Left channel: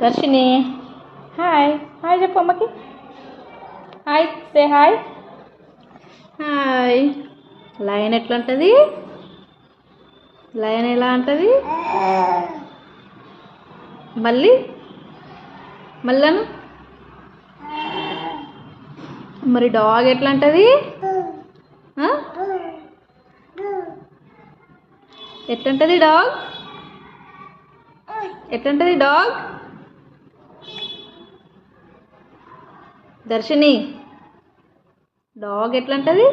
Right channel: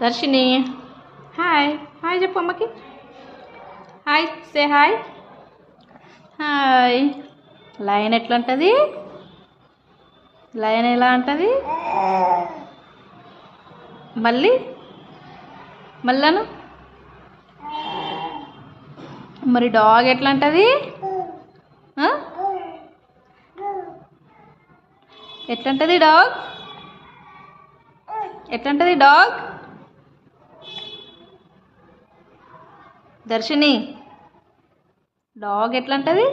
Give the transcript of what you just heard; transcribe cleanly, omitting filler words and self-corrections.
దర్శిని hi hi చెప్పు అమ్మకి hi say hi hi lion ఎట్లా ఉంటుంది లయన్ ఎలా ఉంటుంది మళ్ళీ మళ్ళాను మరి డాగ్ ఎట్లా ఉంటుంది ఎట్లుంటుంది డాగ్ ఎట్లుంటుంది డాగ్ దర్శిని డాగ్ ఎట్లుంటుంది